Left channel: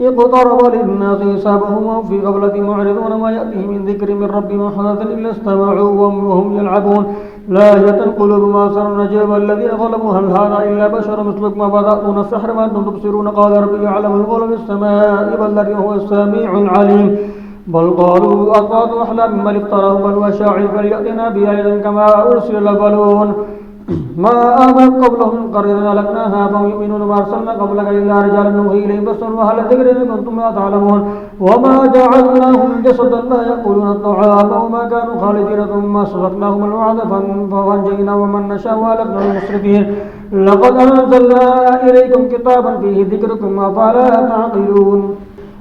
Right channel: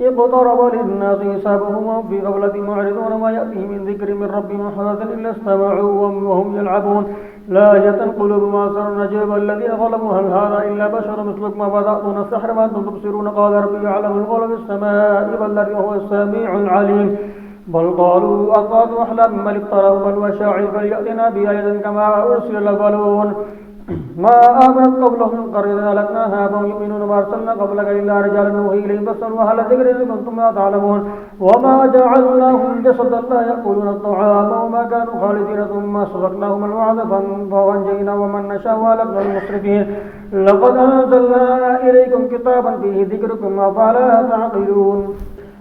اقترب للناس حسابهم وهم في غفلة معرضون ما يأتيهم من ذكر من ربهم محدث إلا استمعوا وهم يلعبون لاهية قلوبهم أبصار نجيب الذين ظلموا هل هذا إلا بشر مثلكم أفتأتون السحر وأنتم تبصرون قال ربي يعلم القول في السماء بل هو السميع العليم بل قالوا أضغاث أحلام بل افتراه بل هو شاعر فليأتنا بآية كما أرسل الأولون ما آمنت قبلهم من قرية أهلكناها فهم يؤمنون ما أرسلنا قبلك إلا رجالا نوحي إليهم فاسألوا أهل الذكر إن كنتم لا تعلمون وما جعلناهم جسدا لا يأكلون الطعام وما كانوا خالدين ثم صدقناهم الوعد فأنجينا ومن نشاء وأهلكنا المسرفين لقد أنزلنا إليكم كتابا فيه ذكركم أفلا تعقلون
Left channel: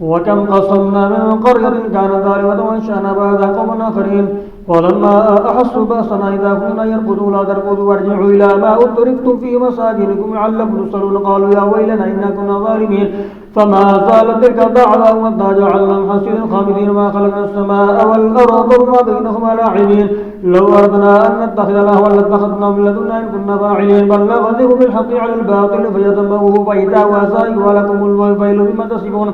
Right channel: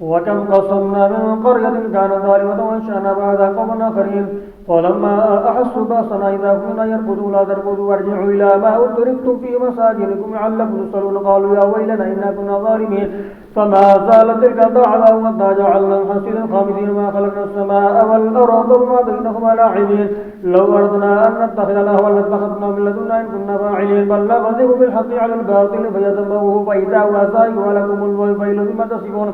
وكم قصمنا من قرية كانت ظالمة وأنشأنا بعدها قوما آخرين ولما أحسوا بأسنا إذا كنا يركضوا لا تركضوا وارجعوا إلى ما أترفتم في مساجدكم لعلكم تسألون قالوا يا ويلنا إنا كنا ظالمين فما زالت تلك دعواهم حتى جعلناهم حصيدا خامدين ما خلقنا السماء والأرض وما بينهما لاعبين لو أردنا أن نتخذ لهوا لاتخذناه من لدنا إن كنا فاعلين بل نقذف بالحق على الباطل فيدمغه فإذا هو زاهق ولكم الويل بما تصفون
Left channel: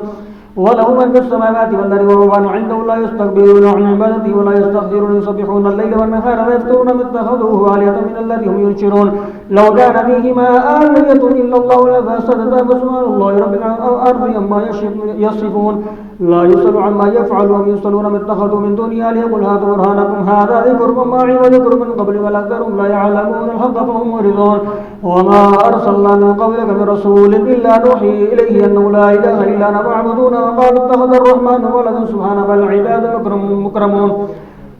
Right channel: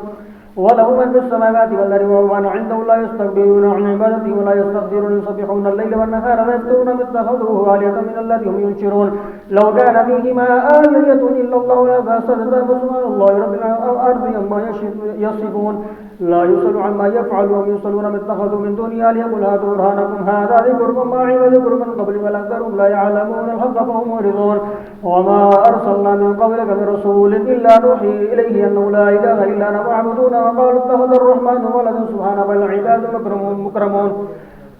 وله من في السماوات والأرض وهو عنده لا يستكبرون عن عبادته ولا يستغفرون يسبحون الليل والنهار لا يفترون ما اتخذوه آلهة من الذي هم ينشرون لو كان فيهما آلهة إلا الله لفسدتا فسبحان الله رب الأرض عما يصفون لا يسأل عما يفعل وهم يسألون ما اتخذوا من دونه آلهة قل هاتوا برهانكم هذا ذكر وما ذكر من قبل ولأكثرهم لا يعلمون الحق فهم معرضون وما أرسلنا من قبلك من رسول إلا نوحي إليه أنه لا إله إلا أنا فاعبدون وقالوا اتخذ الرحمن ولدا سبحانه بل العباد مكرمون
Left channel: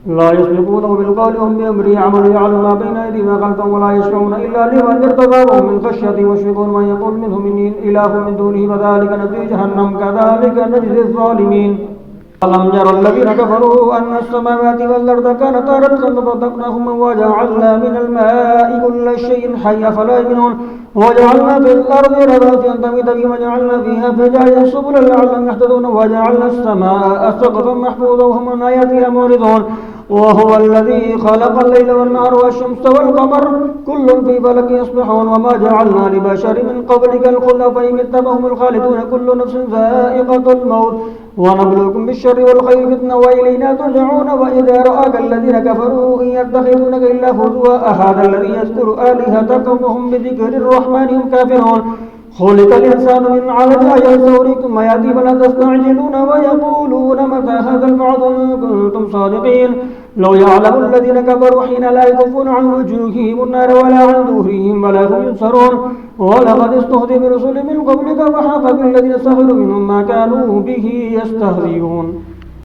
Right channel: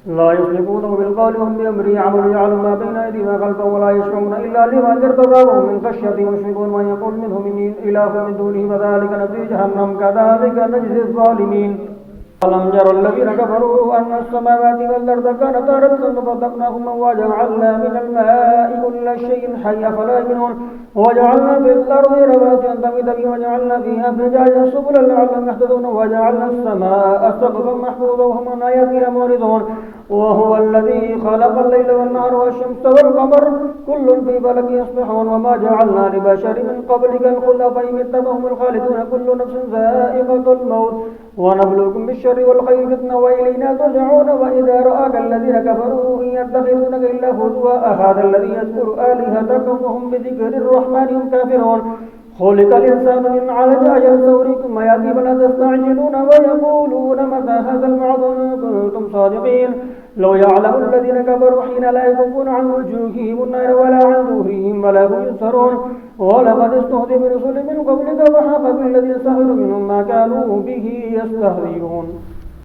لا يسبقونه بالقول وهم بأمره يعملون يعلم ما بين أيديهم وخلفهم ولا يشفعون إلا لمن ارتضى وهم من خشيته مشفقون ومن يقول منهم إني إله من دونه فذلك نجزي جهنم كذلك نجزي الظالمين ألم ير الذين كفروا أن السماوات والأرض كانتا رتقا ففتقناهما وجعلنا من الماء كل شيء حي أفلا يؤمنون وجعلنا في الأرض رواسي أن تميد بهم وجعلنا فيها فجاجا سبلا لعلهم يهتدون وجعلنا السماء سقفا محفوظا وهم عن آياتها معرضون وهو الذي خلق الليل والنهار والشمس والقمر كل في فلك يسبحون وما جعلنا لبشر من قبلك الخلد فإن مت فهم الخالدون كل نفس ذائقة الموت ونبلوكم بالشر والخير فتنة وإلينا ترجعون وإذا رآك الذين كفروا إن يتخذونك إلا هزوا أهذا الذي يذكر آلهتكم وهم بذكر الرحمن هم كافرون خلق الإنسان من علق يستوريكم ويأتي فلا تستعجلون ويقولون متى هذا الوعد إن كنتم صادقين لو يعلم الذين كفروا حين لا يكفون عن وجوههم النار ولا عن ظهورهم ولا هم ينصرون ولقد استهزئ برسل من قبلك وحاق بالذين سخروا منهم ما كانوا به يستهزئون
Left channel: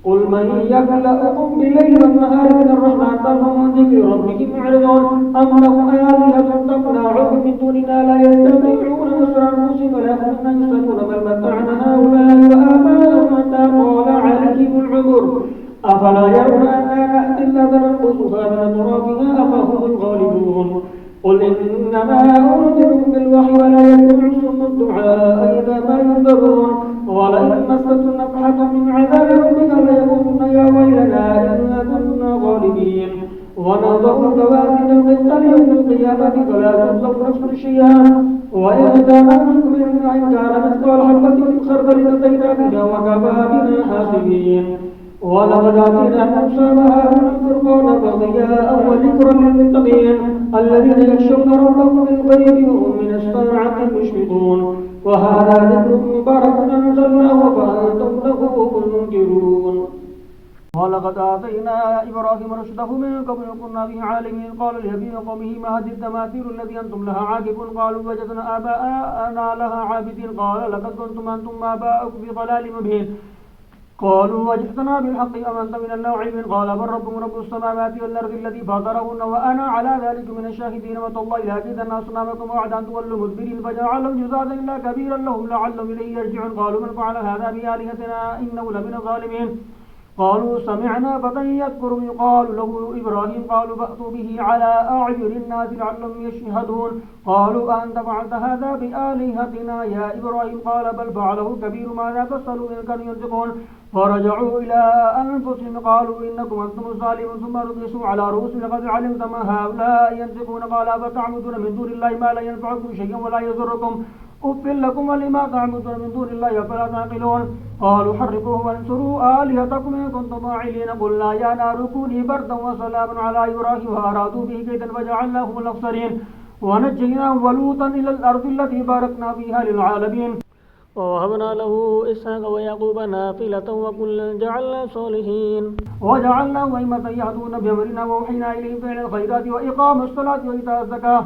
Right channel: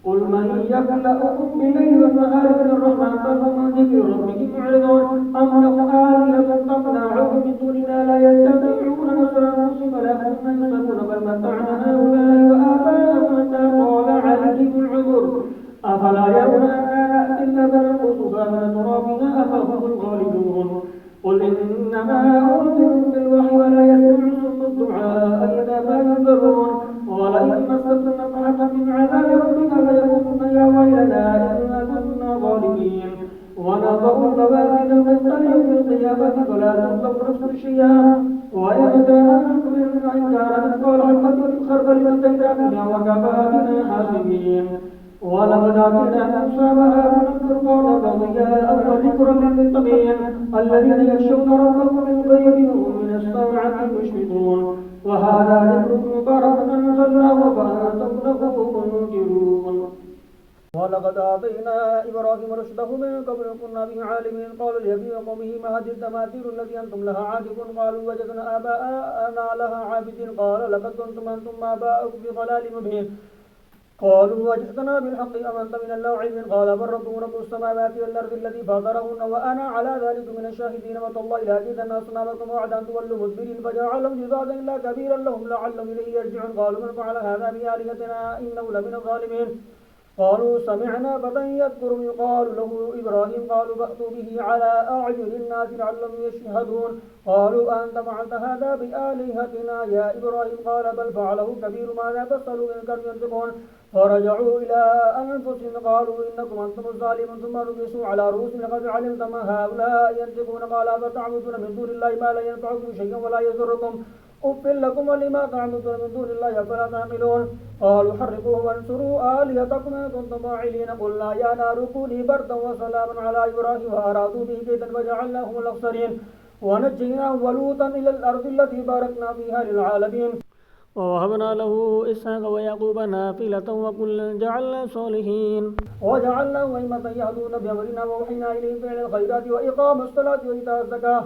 قل من يكلأكم بالليل والنهار من الرحمن بل هم عن ذكر ربهم معرضون أم لهم آلهة تمنعهم من دوننا لا يستطيعون نصر أنفسهم ولا هم ينصرون بل متعنا هؤلاء وآباءهم حتى طال عليهم العمر أفلا يرون أنا نأتي الأرض ننقصها من أطرافها أفهم الغالبون قل إنما أنذركم بالوحي ولا يسمع الصم الدعاء إذا ما ينذرون ولئن مستهم نفحة من عذاب ربك ليقولن يا ويلنا إنا كنا ظالمين ونضع الموازين القسط ليوم القيامة فلا تظلم نفس شيئا وإن كان مثقال حبة من خردل أتينا بها وكفى بنا حاسبين ولقد آتينا موسى وهارون الفرقان وضياء وذكرا للمتقين الذين يخشون ربهم بالغيب وهم من الساعة مشفقون وهذا ذكر مبارك أنزلناه فأنتم له منكرون ولقد آتينا إبراهيم رشده من قبل كنا به عالمين قالوا لأبي قومه ما هذه التماثيل التي أنتم لها عاكفون قالوا وجدنا آباءنا لها عابدين قال لقد كنتم أنتم آباؤكم في ضلال مبين قالوا وجئتنا بالحق أمنت من اللاعبين قال بل ربكم رب السماوات والأرض الذي فاطرهن وأنا على ذلك من الشاهدين وتالله لأكيدن أصنامكم وعدا أن تولوا مدبرين فجعلهم جزادا إلا كبيرا لهم لعلهم إليه يرجعون قالوا من فعل هذا بآلهتنا إنه لمن الظالمين قالوا سمعنا فتى يذكرهم يقال له إبراهيم قالوا فأتوا به على أعين الناس لعلهم يشهدون قالوا أنت فعلت هذا بآلهتنا يا إبراهيم قال بل فعله كبير ماذا فاسألوا إن كانوا ينطقون فرجعوا إلى أنفسهم قالوا إنكم أنتم الظالمون ثم ركسوا على رؤوسهم لقد علمت ما هؤلاء ينطقون قال فتعبدون من دون الله ما لا ينفعكم شيئا ولا يضركم أف لكم ولما تعبدون من دون الله أفلا تعقلون قالوا حرقوه وانصروا آلهتكم إن كنتم فاعلين قلنا يا نار كوني بردا وسلاما على إبراهيم وأرادوا به كيدا فجعلناهم الأخسرين ونجيناه ولوطا إلى الأرض التي باركنا فيها للعالمين ووهبنا له إسحاق ويعقوب نافلة وكلا جعلنا صالحين وجعلناهم أئمة يهدون بأمرنا وأوحينا إليهم فعل الخيرات وإقام الصلاة وإيتاء الزكاة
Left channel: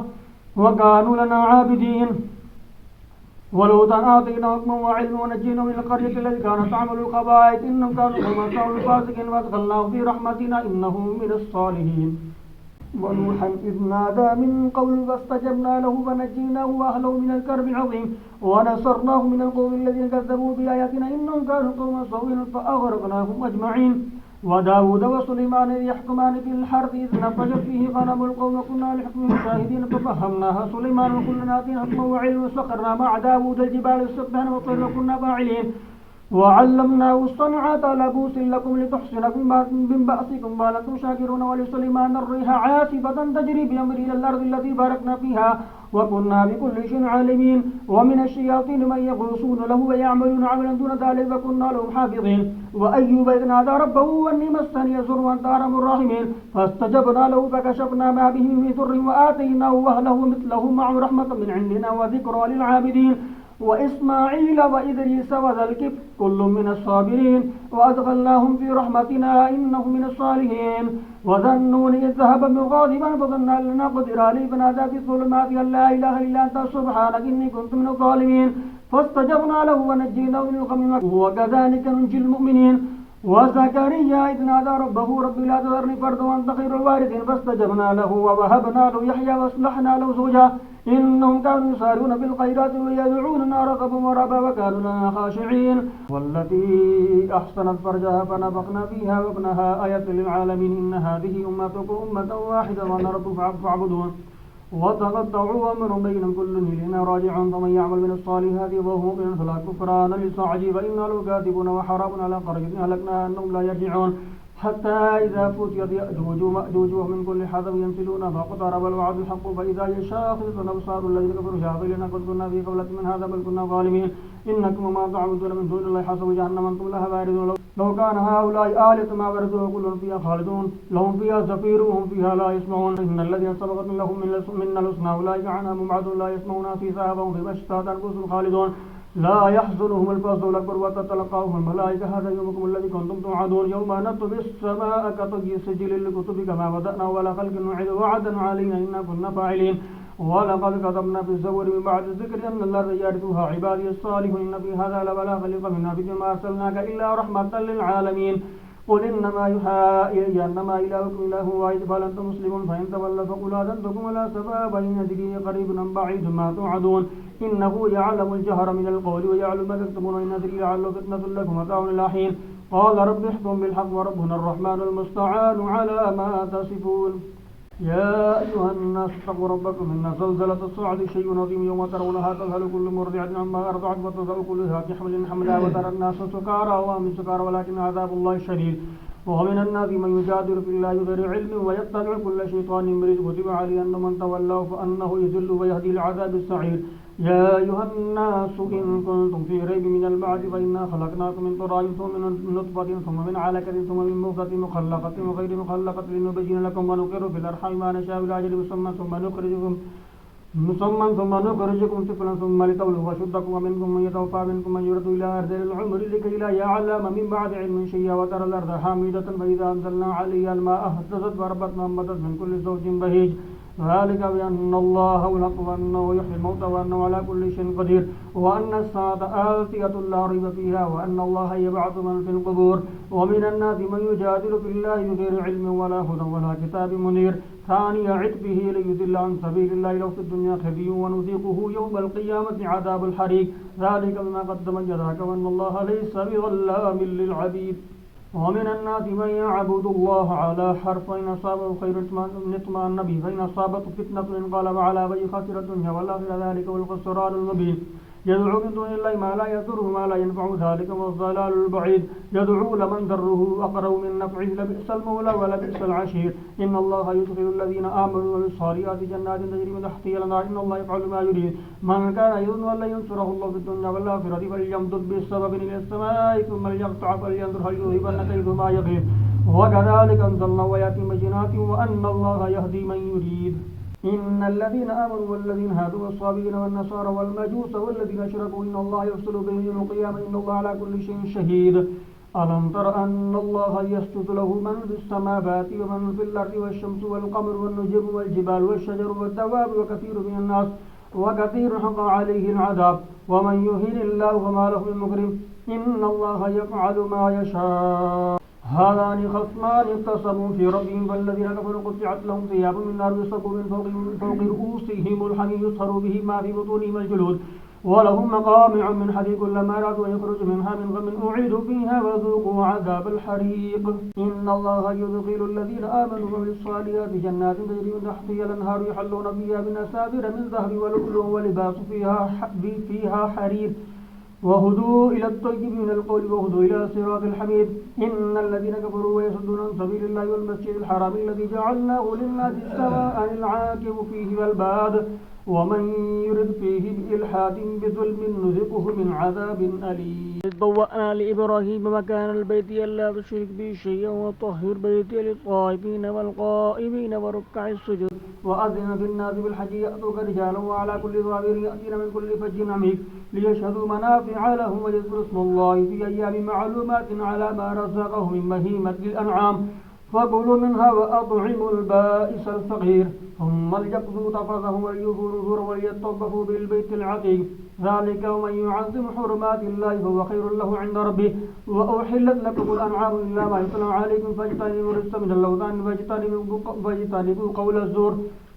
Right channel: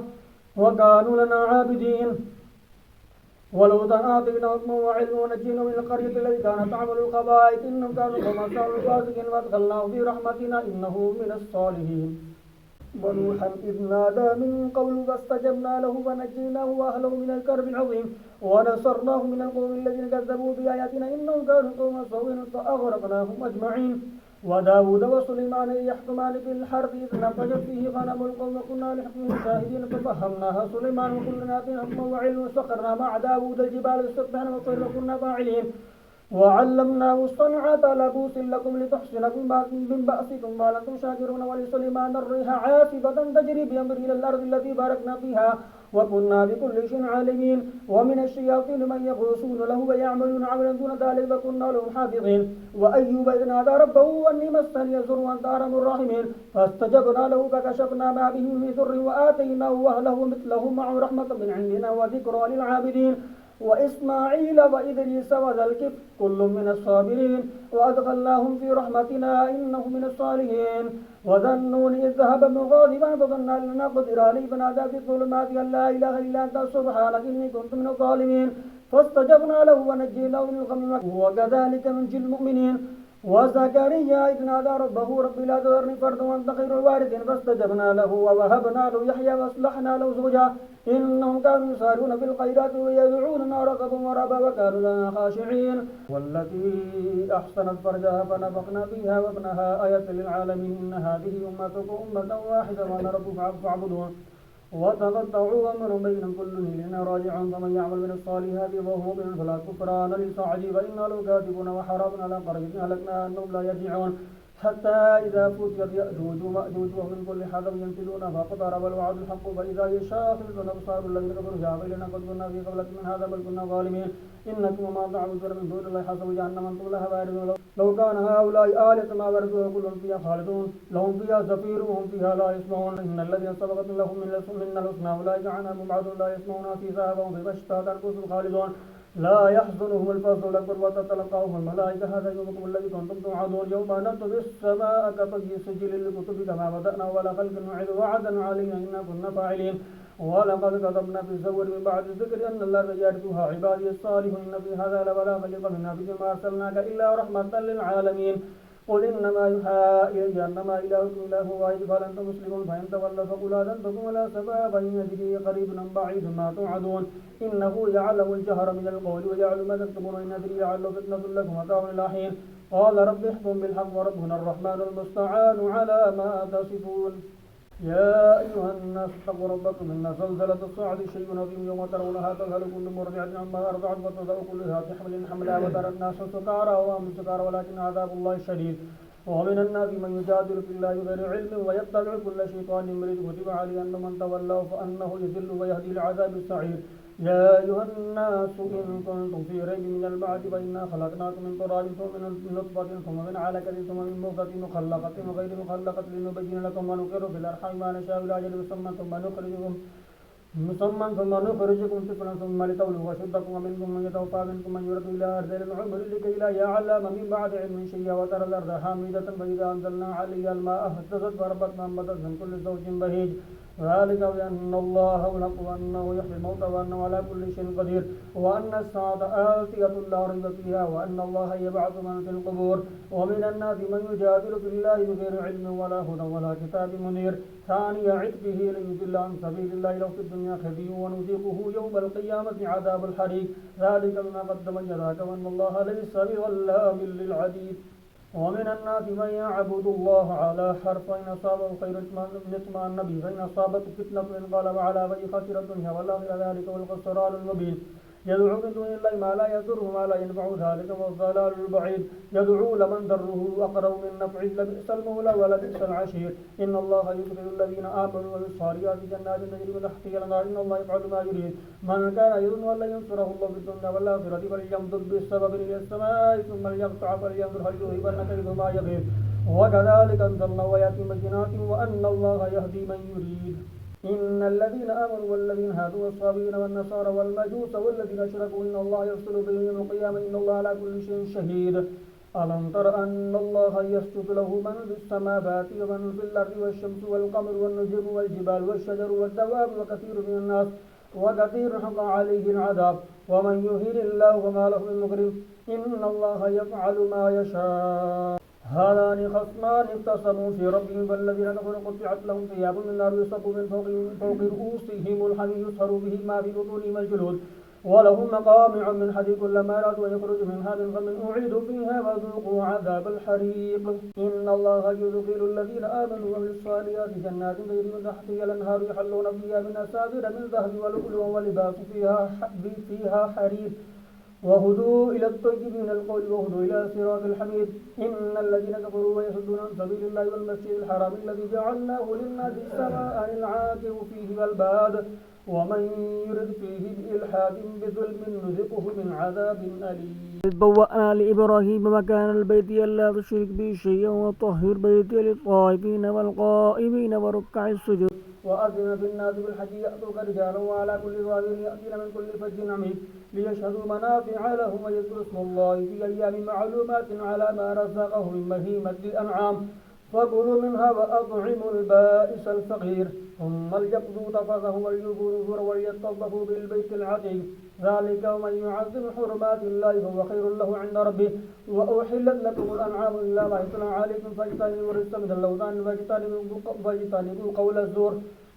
وكانوا لنا عابدين ولوطا آتيناه حكما وعلما ونجيناه من القرية التي كانت تعمل الخبائث إنهم كانوا قوما فاسقين وأدخلناه في رحمتنا إنه من الصالحين ونوحا إذ نادى من قبل فاستجبنا له فنجيناه وأهله من الكرب العظيم ونصرناه من القوم الذين كذبوا بآياتنا إنهم كانوا قوما سوء فأغرقناهم أجمعين وداود وسليمان إذ يحكمان في الحرث إذ نفجت فيه غنم القوم وكنا لحكمهم شاهدين ففهمناها سليمان وكلنا آتينا حكما وعلما وسخرنا مع داود الجبال يسبحن والطير وكنا فاعلين وعلمناه الصنعة لبوس لكم لتحصنكم من بأسكم قال أنتم شاكرون ولسليمان الريح عاصفة تجري بأمره إلى الأرض التي باركنا فيها وكنا بكل شيء عالمين ومن الشياطين من يغوصون له ويعملون عملا دون ذلك وكنا لهم حافظين وأيوب إذ نادى ربه أني مسني الضر وأنت أرحم الراحمين فاستجبنا له فكشفنا ما به من ضر وآتيناه أهله مثله معه رحمة من عندنا وذكرى للعابدين وإسماعيل وإدريس وذا الكفل كل من الصابرين وأدخلناهم في رحمتنا إنهم من الصالحين وذا النون إذ ذهب مغاضبا فظن أن لن نقدر عليه فنادى في الظلمات أن لا إله إلا أنت سبحانك إني كنت من الظالمين فاستجبنا له ونجيناه من الغم وكذلك ننجي المؤمنين وزكريا إذ نادى ربه رب لا تذرني فردا وأنت خير الوارثين فاستجبنا له ووهبنا له يحيى وأصلحنا له زوجا إنهم كانوا يسارعون في الخيرات ويدعوننا رغبا ورهبا وكانوا لنا خاشعين والتي أحسنت فرجها فنفخنا فيها وابنها آية للعالمين إن هذه أمتكم أمة واحدة وأنا ربكم فاعبدون وتقطعوا أمرهم بينهم كل إلينا راجعون فمن يعمل من الصالحات وهو مؤمن فلا كفران لسعيه فإنا له كاتبون وحرام على قرية أهلكناها أنهم لا يرجعون حتى إذا فتيت يأجوج ومأجوج ومن كل حدب ينسلون فاقترب الوعد الحق فإذا هي شاخصة أبصار الذين كفروا شاغلين قد كنا في قبلة من هذا بل كنا ظالمين إنكم وما تعبدون من دون الله حسب جهنم أنتم لها واردون لو كان هؤلاء آلهة ما وردوا كلهم فيها خالدون لهم فيها زفير وهم فيها لا يسمعون إن الذين سبقت لهم من الحسنى أولئك عنها مبعدون لا يسمعون فيها وهم فيما اشتهت أنفسهم خالدون لا يحزنهم الفزع الأكبر وتتلقاهم الملائكة هذا يومكم الذي كنتم توعدون يوم نطوي السماء كطي السجل للكتب كما بدأنا ولا خلق نعيد وعدا علينا إنا كنا فاعلين ولقد كتبنا في الزبور من بعد الذكر أن الأرض يرثها عبادي الصالحون إن في هذا لبلاغا لقوم نبي ما أرسلناك إلا رحمة للعالمين قل إنما يوحى إلي أنما إلهكم إله واحد فأنتم مسلمون فإن تولوا فقل آذنتكم ولا سباب إن أدري قريب أم بعيد ما توعدون إنه يعلم الجهر من القول ويعلم ما تكتمون إن أدري لعله فتنة لكم متاع إلى حين قال رب احكم بالحق وربنا الرحمن المستعان على ما تصفون يا أيها الناس اتقوا ربكم إن زلزلة الساعة شيء عظيم يوم ترونها تذهل كل مرضعة عما أرضعت وتضع كل ذات حمل حملها وترى الناس سكارى وما هم سكارى ولكن عذاب الله شديد ومن الناس من يجادل في الله بغير علم ويتبع كل شيطان مريد كتب عليه أن من تولاه فأنه يذل ويهدي لعذاب السعير يا أيها الناس إن كنتم في ريب من البعث فإنا خلقناكم من تراب ثم من نطفة ثم من علقة ثم من مضغة مخلقة وغير مخلقة لنبين لكم ونقر في الأرحام ما نشاء إلى أجل مسمى ثم نخرجكم طفلا ثم لتبلغوا أشدكم ومنكم من يتوفى منكم من يرد إلى أرذل العمر لكي لا يعلم من بعد علم شيئا وترى الأرض حامدة فإذا أنزلنا عليها الماء اهتزت وربت وأنبتت من كل زوج بهيج ذلك بأن الله هو الحق وأنه يحيي الموتى وأنه على كل شيء قدير وأن الساعة آتية لا ريب فيها وأن الله يبعث من في القبور ومن الناس من يجادل في الله بغير علم ولا هدى ولا كتاب منير ثاني عتبه ليضل عن سبيل الله لو في الدنيا خزي ونذيقه يوم القيامة عذاب الحريق ذلك بما قدمت يداك وأن الله ليس بظلام للعبيد ومن الناس من يعبد الله على حرف فإن أصابه خير اطمأن به فإن أصابته فتنة انقلب على وجهه خسر الدنيا والآخرة ذلك هو الخسران المبين يدعو من دون الله ما لا يضره ما لا ينفع ذلك والضلال البعيد يدعو لمن ضره أقرب من نفعه لبئس المولى ولبئس العشير إن الله يدخل الذين آمنوا وبالصالحات جنات تجري من تحتها الأنهار إن الله يفعل ما يريد من كان يظن أن لن ينصره الله في الدنيا والآخرة فليمدد بالسبب إلى السماء ثم ليقطع فلينظر هل يذهبن كيد ما يغيظ وكذلك أنزلنا آيات بينات وأن الله يهدي من يريد إن الذين آمنوا والذين هادوا والصابئين والنصارى والمجوس والذين أشركوا إن الله يفصل بهم يوم القيامة إن الله على كل شيء شهيد ألم تر أن الله يسجد له من في السماوات ومن في الأرض والشمس والقمر والنجوم والجبال والشجر والدواب وكثير من الناس وكثير حق عليه العذاب ومن يهن الله فما له من مكرم إن الله يفعل ما يشاء هذان خصمان اختصموا في ربهم فالذين كفروا قطعت لهم ثياب من نار يصب من فوق رؤوسهم الحميم يصهر به ما في بطونهم الجلود ولهم مقامع من حديد كلما أرادوا أن يخرجوا منها من غم أعيدوا فيها وذوقوا عذاب الحريق إن الله يدخل الذين آمنوا وعملوا الصالحات جنات تجري من تحتها الأنهار يحلون فيها من أساور من ذهب ولؤلؤ ولباس فيها حرير وهدوا إلى الطيب من القول وهدوا إلى صراط الحميد إن الذين كفروا ويصدون عن سبيل الله والمسجد الحرام الذي جعلناه للناس سواء العاكف فيه والباد ومن يرد فيه بإلحاد بظلم نذقه من عذاب أليم إذ بوأنا لإبراهيم مكان البيت ألا تشرك بي شيئا وطهر بيتي للطائفين والقائمين وركع السجود وأذن في الناس بالحج يأتوك رجالا وعلى كل ضامر يأتين من كل فج عميق ليشهدوا منافع لهم ويذكروا اسم الله في أيام معلومات على ما رزقهم من بهيمة الأنعام فكلوا منها وأطعموا البائس الفقير ثم ليقضوا تفثهم وليوفوا نذور وليطوفوا بالبيت العتيق ذلك ومن يعظم حرمات الله فهو خير له عند ربه وأحلت لكم الأنعام إلا ما يتلى عليكم فاجتنبوا الرجس من اللوثان واجتنبوا قول الزور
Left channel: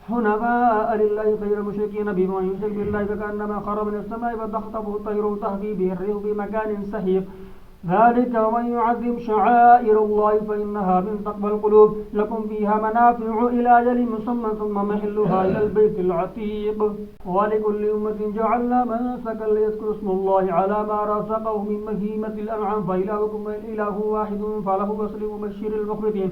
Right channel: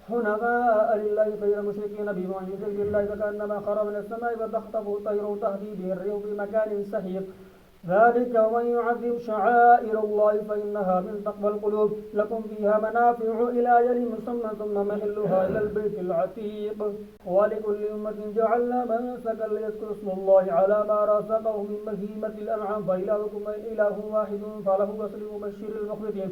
حنفاء لله غير مشركين به ومن يشرك بالله فكأنما خر من السماء فتخطفه الطير وتهوي به الريح في مكان سحيق ذلك ومن يعظم شعائر الله فإنها من تقوى القلوب لكم فيها منافع إلى أجل مسمى ثم محلها إلى البيت العتيق ولكل أمة جعلنا منسكا ليذكروا اسم الله على ما رزقهم من بهيمة الأنعام فإلهكم إله واحد فله وسلم بشر المخبتين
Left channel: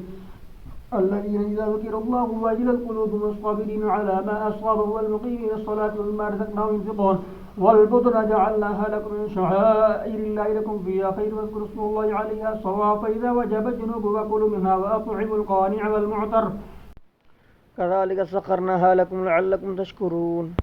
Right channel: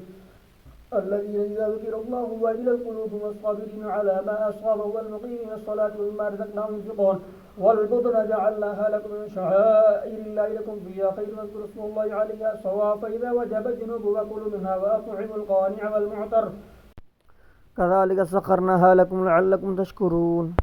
الذين إذا ذكر الله وجلت قلوبهم الصابرين على ما أصابه والمقيمين الصلاة ومما رزقناهم ينفقون والبدن جعلناها لكم من شعائر الله لكم فيها خير واذكروا اسم الله عليها صواف فإذا وجبت جنوبها فكلوا منها وأطعموا القانع والمعتر كذلك سخرناها لكم لعلكم تشكرون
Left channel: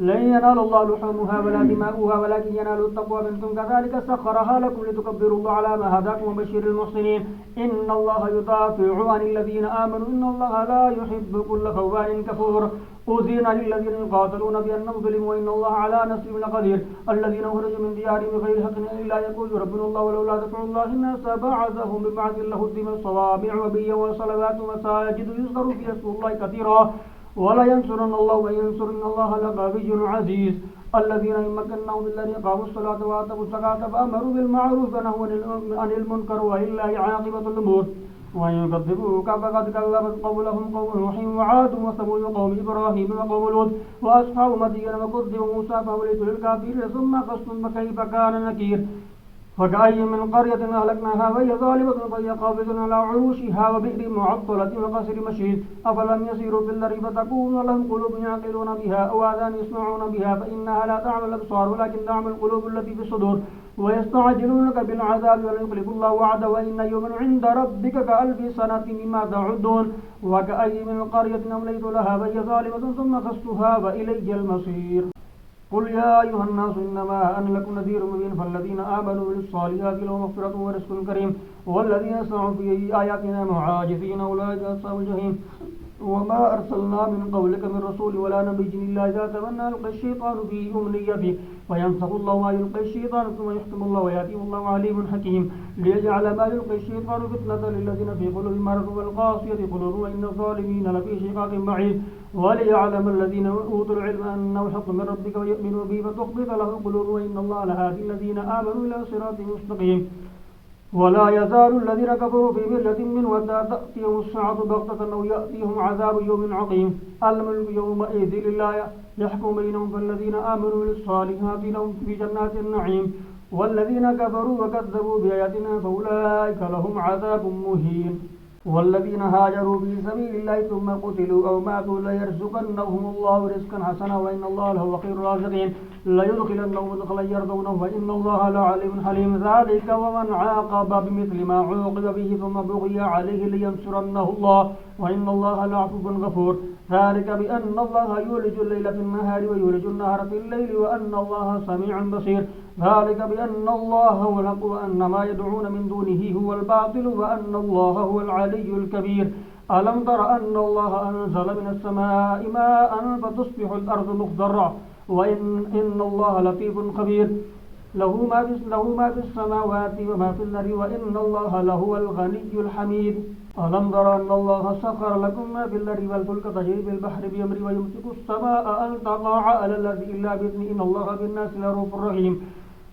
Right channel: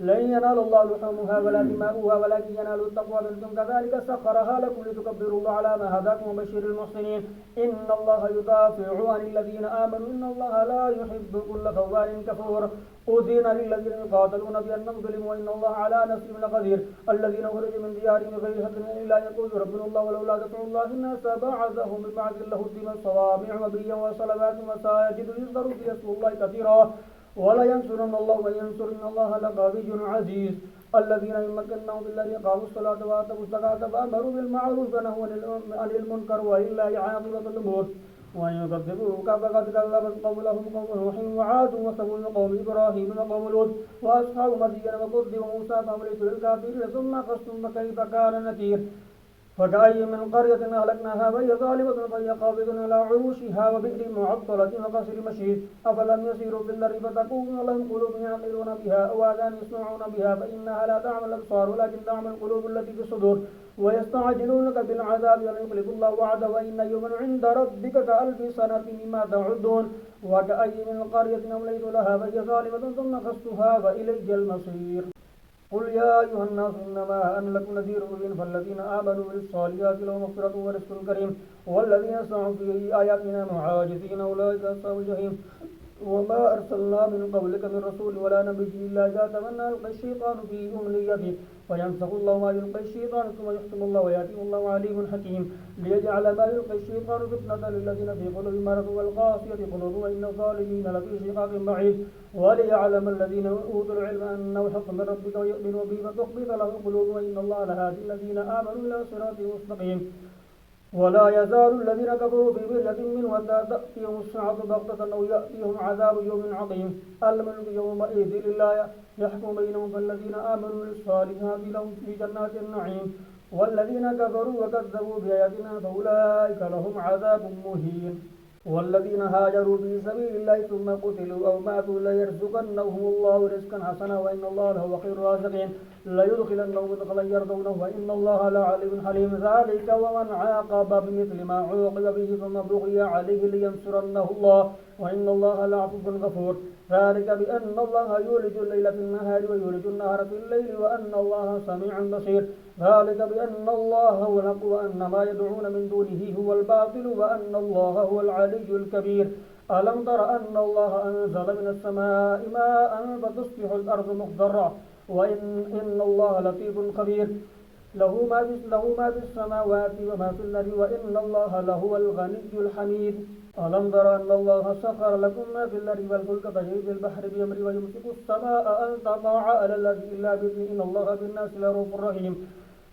لن ينال الله لحومها ولا دماؤها ولكن ينال التقوى منكم كذلك سخرها لكم لتكبروا الله على ما هداكم وبشر المحسنين إن الله يدافع عن الذين آمنوا إن الله لا يحب كل خوان كفور أذن للذين يقاتلون بأنهم ظلموا وإن الله على نصرهم لقدير الذين خرجوا من ديارهم بغير حق إلا يقول ربنا الله ولولا دفع الله الناس بعضهم ببعض لهدمت صوامع وبيع وصلوات ومساجد يذكر فيها اسم الله كثيرا ولا ينصرن الله من ينصر إن الله لقوي عزيز الذين إن مكناهم في الأرض أقاموا الصلاة وآتوا الزكاة فأمروا بالمعروف ونهوا عن المنكر ولله عاقبة الأمور وإن يكذبوك فقد كذبت قولهم قوم نوح وعاد وثمود وقوم إبراهيم وقوم لوط وأصحاب مدين وكذب موسى فأولئك للكافرين ثم قصتم فكيف كان نكير فكأي من قرية أهلكناها وهي ظالمة فهي قابضة على عروشها وبئر معطلة وقصر مشيد أفلم يسيروا في الأرض فتكون لهم قلوب يعقلون بها أو آذان يسمعون بها فإنها لا تعمل الأبصار ولكن تعمل القلوب التي في الصدور ويستعجلونك بالعذاب ولن يخلف الله وعده وإن يوما عند ربك كألف سنة مما تعدون وكأي من قرية أمليت لها وهي ظالمة ثم قصتها وإلي المصير قل يا أيها الناس إنما أنا لكم نذير مبين فالذين آمنوا بالصالحات لهم مغفرة ورزق كريم والذين سعوا في آياتنا معاجزين أولئك أصحاب الجحيم وما أرسلنا من قبلك من رسول ولا نبي إلا إذا تمنى ألقى الشيطان في أمنيته وينسخ الله ما يلقي الشيطان ثم يحكم الله ويأتيه الله عليم حكيم ليجعل ما يلقي الشيطان فتنة للذين في قلوبهم مرض والقاسية قلوبهم وإن الظالمين لفي شقاق بعيد وليعلم الذين أوتوا العلم أنه حق من ربك ويؤمنوا به فتخبط له قلوبهم وإن الله لهادي الذين آمنوا إلى صراط مستقيم ولا يزال الذين كفروا في مرية منه حتى تأتيهم الساعة بغتة أو يأتيهم عذاب يوم عقيم الملك يومئذ لله يحكم بينهم فالذين آمنوا بالصالحات لهم في جنات النعيم والذين كفروا وكذبوا بآياتنا فأولئك لهم عذاب مهين والذين هاجروا في سبيل الله ثم قتلوا أو ماتوا ليرزقنهم الله رزقا حسنا وإن الله لهو خير الرازقين ليدخلنهم مدخلا يرضونه وإن الله لعليم حليم ذلك ومن عاقب بمثل ما عوقب به ثم بغي عليه لينصرنه الله وإن الله لعفو غفور ذلك بأن الله يولج الليل في النهار ويولج النهار في الليل وأن الله سميع بصير ذلك بأن الله هو الحق وأن ما يدعون من دونه هو الباطل وأن الله هو العلي الكبير ألم تر أن الله أنزل من السماء ماء فتصبح الأرض مخضرة وإن الله لطيف خبير له ما في السماوات وما في الأرض وإن الله لهو الغني الحميد ألم تر أن الله سخر لكم ما في الأرض والفلك تجري في البحر بأمره ويمسك السماء أن تقع على الأرض إلا بإذنه إن الله بالناس لرؤوف رحيم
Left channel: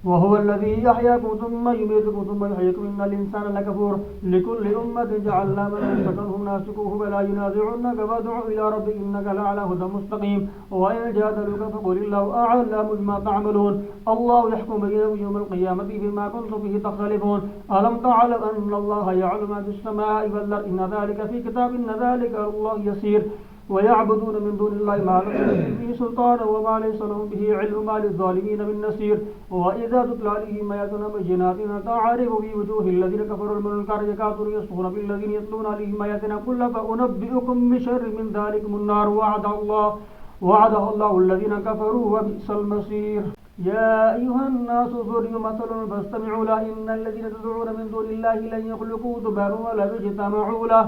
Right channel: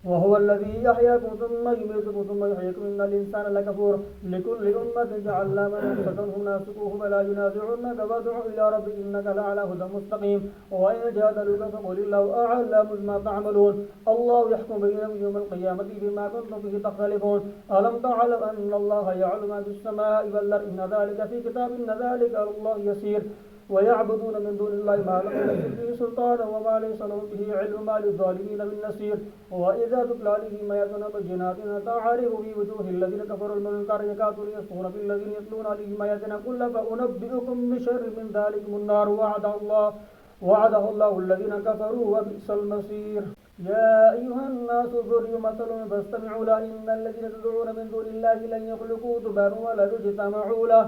وهو الذي يحياكم ثم يميتكم ثم يحييكم إن الإنسان لكفور لكل أمة جعلنا منسكا هم ناسكوه فلا ينازعنك فادع إلى ربك إنك لعلى هدى مستقيم وإن جادلوك فقل الله أعلم بما تعملون الله يحكم بينكم يوم القيامة بما كنتم فيه تختلفون ألم تعلم أن الله يعلم ما في السماء والأرض إن ذلك في كتاب إن ذلك الله يسير ويعبدون من دون الله ما لم ينزل به سلطانا وما ليس لهم به علم ما للظالمين من نصير وإذا تتلى عليهم آياتنا بينات تعرف في وجوه الذين كفروا المنكر يكادون يسطون بالذين يتلون عليهم آياتنا قل فأنبئكم بشر من ذلكم النار وعده الله الذين كفروا وبئس المصير يا أيها الناس ضرب مثل فاستمعوا له إن الذين تدعون من دون الله لن يخلقوا ذبابا ولا يجتمعوا له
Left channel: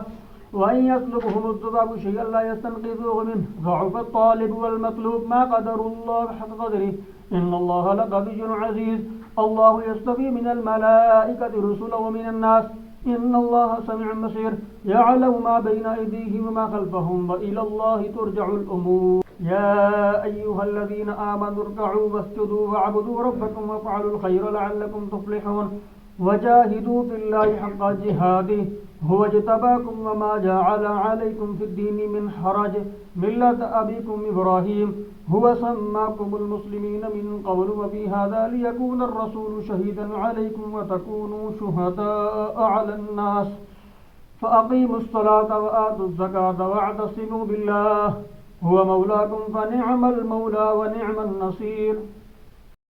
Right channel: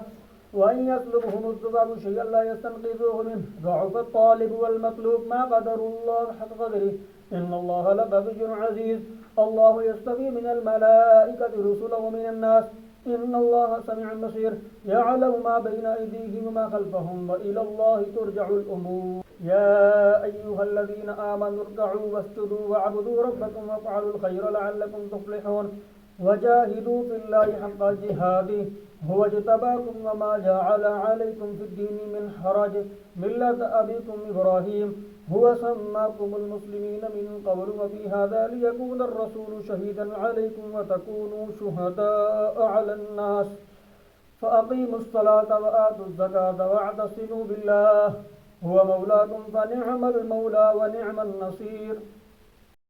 وإن يطلبهم الذباب شيئا لا يستنقذوه منه ضعف الطالب والمطلوب ما قدر الله حق قدره إن الله لقوي عزيز الله يصطفي من الملائكة رسلا ومن الناس إن الله سميع بصير يعلم ما بين أيديهم وما خلفهم وإلى الله ترجع الأمور يا أيها الذين آمنوا اركعوا واسجدوا واعبدوا ربكم وافعلوا الخير لعلكم تفلحون وجاهدوا في الله حق جهاده هو اجتباكم وما جعل عليكم في الدين من حرج ملة أبيكم إبراهيم هو سماكم المسلمين من قبل وفي هذا ليكون الرسول شهيدا عليكم وتكونوا شهداء على الناس فأقيموا الصلاة وآتوا الزكاة واعتصموا بالله هو مولاكم فنعم المولى ونعم النصير